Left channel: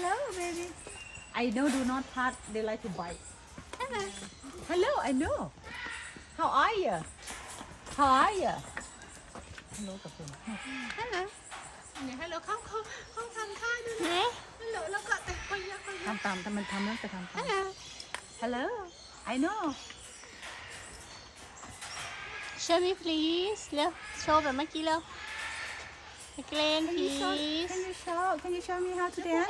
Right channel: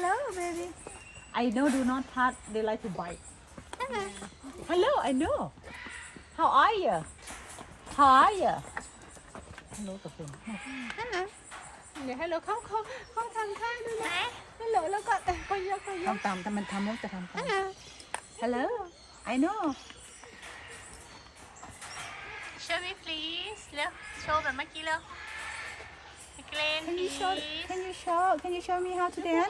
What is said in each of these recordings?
Hello, baby. I know do not touch. They like to bite. Hello. Hello, I know. How are you? How are you? Hello กับเป็น Hello. เดี๋ยวให้เราเข้าทานข้าวด้วยนะ Hi. ฮัลโหลแล้วก็ไปเยอะ ทำตามแต่มันทำแล้วจะทำตาม Hello. Hello, I know. Show me please. เร็วโชว์แบบเมื่อกี้เร็วAgain Can you show? please. Can you show me how to dance?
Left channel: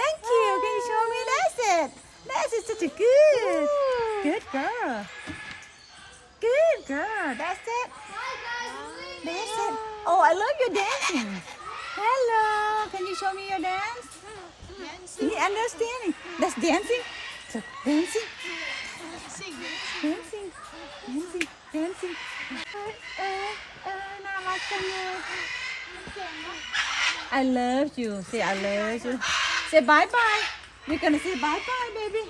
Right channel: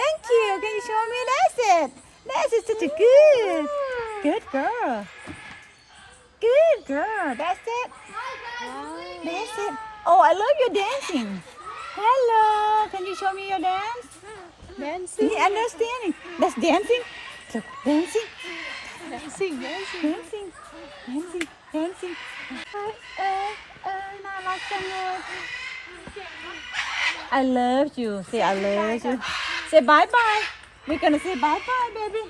Thank you. Can you show me? That's it. That's it. Such a good girl. Good girl. That's it. That's it. Oh, I love your dancing. Hello. Can you show me your dance? Dancing. You understanding? That's dancing. So, dancing. Dancing. Dancing. Dancing. Dancing. น่ารักจังเลย I love you. Say I love you. Say bye bye. We're gonna say bye bye, baby.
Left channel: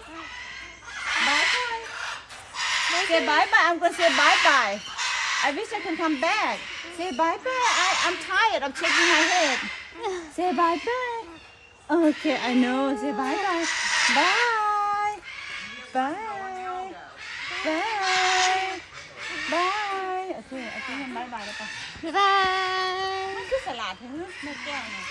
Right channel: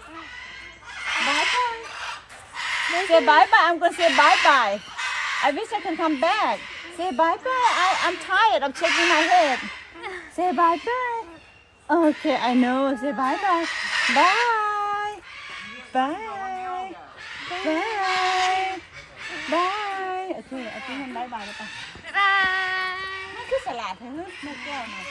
Bye bye. Say bye bye. I'm gonna say bye bye. I wish I can come back. Say bye bye. I'm tired. I'm shaking my head. Say bye bye. Okay, I know. Say bye bye. Bye. Bye. Bye. Bye. Okay, bye bye แล้วปะ Bye bye. คือสลัดให้ลูกแก้วเนี่ย